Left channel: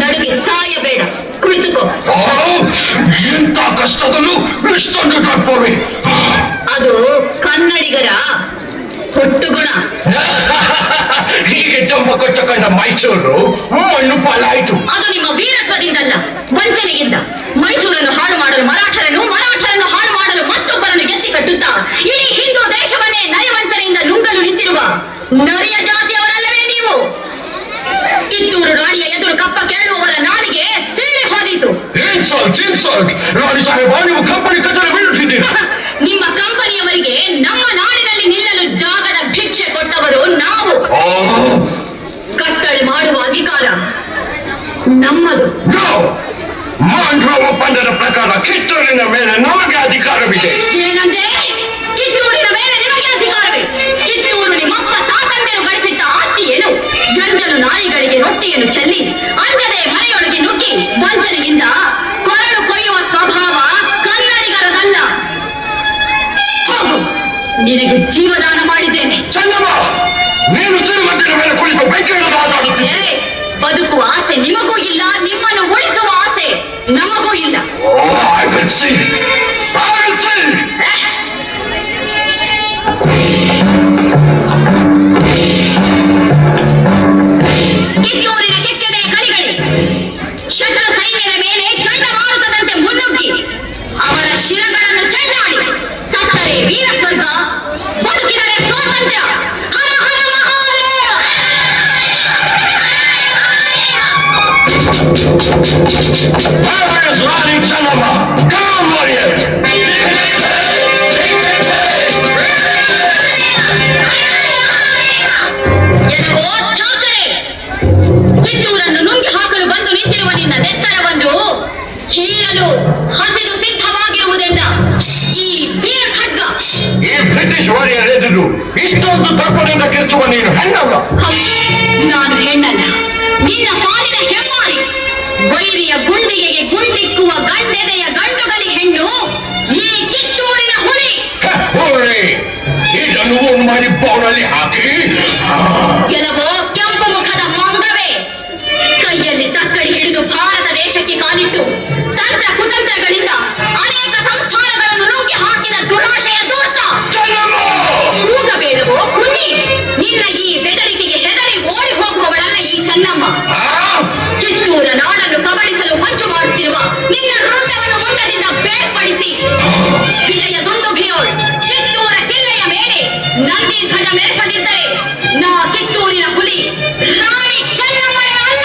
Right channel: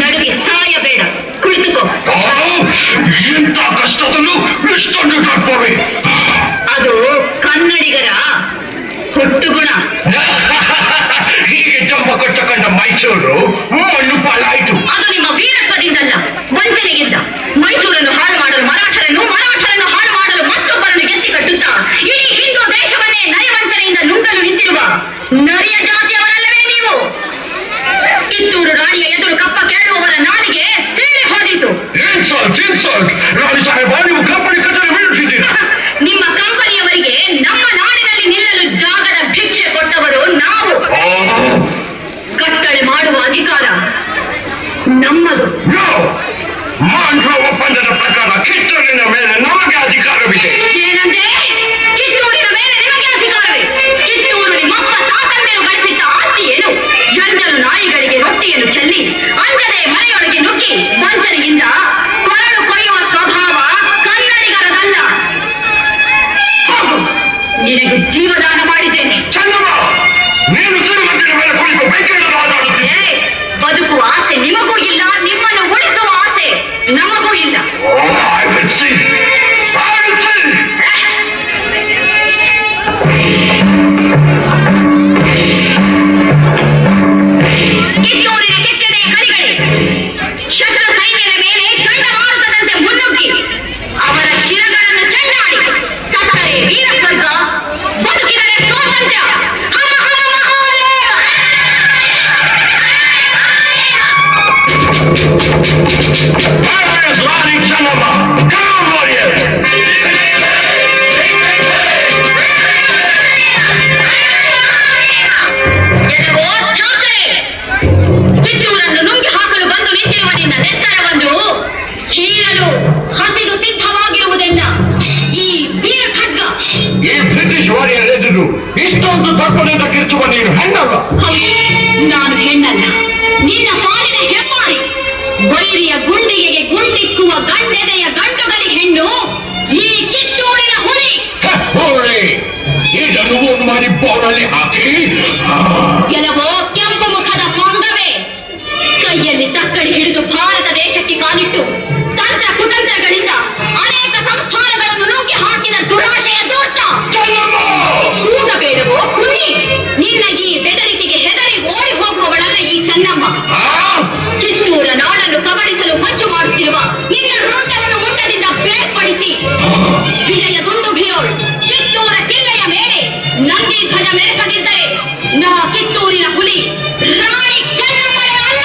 ನಡುಗೆ ಸಾಯಬೇಡ, ಕುಳಿತುಕೋ. ಎಂತ ಕಷ್ಟದಲ್ಲೂ ಇಷ್ಟೊಂದು ತಪ್ಪವೆ. ಅದು ಕನ್ನಡಿಗರ ಹುಟ್ಟುಗುಣ. ಹೀಗೆ ಜಂಬ ಕೊಟ್ಟಕೊಂಡ ಮೈಸೂರು ಮಣ್ಣು ಪಾಲಾಯಿತು. ಅದು ನಿಮ್ಮ ವೀರತ್ವದಿಂದಲ್ಲ, ವಂಚನೆಯಿಂದ. ಮೈಸೂರನ್ನು ಹಾಳು ಮಾಡಲು ಮರಾಠರನ್ನು ಹಾಳು ಮಾಡಲು ಮತ್ತೊಬ್ಬರನ್ನು ಎತ್ತಿ ಕಟ್ಟುತ್ತಾ ಇಡೀ ಹಿಂದೂ ದೇಶವನ್ನೇ ನಯವಂಚನೆಯಿಂದ ನುಂಗಲು ನಿಂತಿರುವ ನರಿಯ ಜಾತಿಯವರಲ್ಲವೇ ನೀವು? ಕಿತ್ತೂರು ರಾಣಿಯ ಎದುರು ಕಪ್ಪ ಕೇಳುವವರ ನಾಲಿಗೆ ಸೀಳಿ ಹೋದಿತು. ರಾಣಿ ಸಾಹೇಬ, ನೀವು ಕಂಪನಿ ಕಚೇರಿ ಬೀಳುತ್ತಿದ್ದೀರಿ. ನಿಮ್ಮ ಕಂಪನಿಯವರಿಗೆ ನಮ್ಮ ನಾಡಿನಲ್ಲಿ ನಿಲ್ಲಲು ಜಾಗದ ಭಿಕ್ಷೆ ಕೊಟ್ಟವರು ನಾವು. ಕಟ್ಟಳೆ ಮಾಡುವ ಅಧಿಕಾರ ನಮ್ಮದು. ಒಪ್ಪಂದದ ಪ್ರಕಾರ ಕಿತ್ತೂರಿನ ಮೇಲೆ ನಮಗೆ ಅಧಿಕಾರವಿದೆ. ಏನಂದ್ರೆ ಕಿತ್ತೂರಿನ ಮೇಲೆ ನಿಮಗೆ ಅಧಿಕಾರವೇ? ಕಿತ್ತೂರು ನಿಮ್ಮಪ್ಪ ಸ್ವಾತಂತ್ರ್ಯ ಗಳಿಸಿದ್ದ ಆಸ್ತಿ ಏನು? ಜಂಜಲು ನಾಯಿಗಳಿಗೆ ರೊಟ್ಟಿಯನ್ನು ಚೆಲ್ಲಿ ಅಂಜದೆ ಮನೆಯೊಳಗೆ ನುಗ್ಗಿ ವಂಚನೆಯಿಂದ ಕೊರಳು ಕೊಯ್ಯುವ ಸ್ವಭಾವ ಕನ್ನಡಿಗರದಲ್ಲ. ಹೋಗು, ನಿನಗೆ ಜೀವದಾನ ಮಾಡಿದ್ದೇನೆ. ಚಂದಮ್ಮ, ನೀನು ಶ್ರೀಮಂತರ ಮೇಲೆ ಕುಳಿತು ಬೇಕೇನು ಮಾತಾಡುತ್ತೀಯ? ಬದುಕುವ ಆಸೆ ನಿಮಗೂ ಇಲ್ಲ, ನಿಮ್ಮನ್ನು ಉಳಿಸುವ ಆಸೆ ನಮಗೂ ಇಲ್ಲ. ಕಿತ್ತೂರಿನ ಕೆಕ್ಕನೆಯ ಕಲಿಗಳೇ, ಶಸ್ತ್ರ ಸೈನ್ಯದ ಮೇಲೆ ಚಂಡಮಾರುತದಂತೆ ಮುನ್ನುಗ್ಗಿ ಅವರ ಶಿರಗಳನ್ನು ಚೆಂಡಾಡಿ ಸತ್ತರೆ ವೀರಸ್ವರ್ಗ, ಬದುಕಿದರೆ ಸ್ವಾತಂತ್ರ್ಯ. ಹರ ಹರ ಮಹಾದೇವ. ಕಿತ್ತೂರನ್ನು ನುಂಗಿ ಹಾಕಲು ಬಂದು ನಿಂತಿರುವ ನಿನ್ನ ನೆತ್ತರವನ್ನು ಹೀರಲು ಹಸಿದು ಸಿದ್ಧವಾಗಿರುವುದೆಂದ ಈ ವೀರ ಖಡ್ಗ. ಈ ಬ್ರಿಟಿಷ್ ವಾರಿಯರ್ ಎದುರು ಇಷ್ಟೊಂದು ತಪ್ಪದಿಂದ ಕಿಚ್ಚುವ ನೀನು ಹೆಣ್ಣಲ್ಲ. ನಾನು ಹೆಣ್ಣಲ್ಲ, ನಿನ್ನ ಪಾಲಿನ ಹೆಮ್ಮಾರಿ. ವೈರಿಯ ಗುಂಡಿಗೆಗೆ ಗುಂಡಿಕ್ಕುವ ಗಂಡೆದೆಯ ಗಂಡುಗಲಿ ಹೆಣ್ಣು ಈ ಕಿತ್ತೂರಿನ ಹುಲಿ. ಇದನ್ನು ಮಾಡಿ ಬೋರ್ಡಲ್ಲಿ ಹಾಕಿ ಕೆಲವು ಕೆಂಪು ಮುಖದ ಮಂಗವೇ ಕೈಯಲ್ಲಿ ತಕ್ಕಡಿ ಹಿಡಿದು ಭಾರತ ದೇಶಕ್ಕೆ ಕಾಲಿಟ್ಟು ತಂತ್ರ ಕುತಂತ್ರಗಳಿಂದ ಅನೇಕ ಸಂಸ್ಥಾನಗಳನ್ನು ನುಗ್ಗಿ ಹಾಕಿದ ದುರಾಶೆಯ ದೂರ್ತ. ಕೂಗಬೇಡವೋ ಕುನ್ನಿ, ನಿನ್ನ ಈ ಬೆದರಿಕೆಗೆ ಹೆದರಿ ಓಡಿ ಹೋಗುವವಳಲ್ಲ ಈ ಚೆನ್ನಮ್ಮ. ಕಿತ್ತೂರ ನಾಡನ್ನು ಕಬಳಿಸಲು ಮಂಜು ಮಾಡುತ್ತಿರುವ ನಿನ್ನ ವೃತ್ತವನ್ನು ಮುಟ್ಟದಿಂದ ಬೇರ್ಪಡಿಸಿ ವಿಜಯ ದುಂದುಭಿಯೋಳು ಕಿತ್ತೂರ ಕಿಲ್ಲೆಯ ಮೇಲೆ ನಂದಿ ಧ್ವಜ ಮೆರೆಸದಿದ್ದರೆ ನಾ ಕಿತ್ತೂರಿನ ಹುಲಿ ರಾಣಿ ಚೆನ್ನಮ್ಮನೇ ಅಲ್ಲ.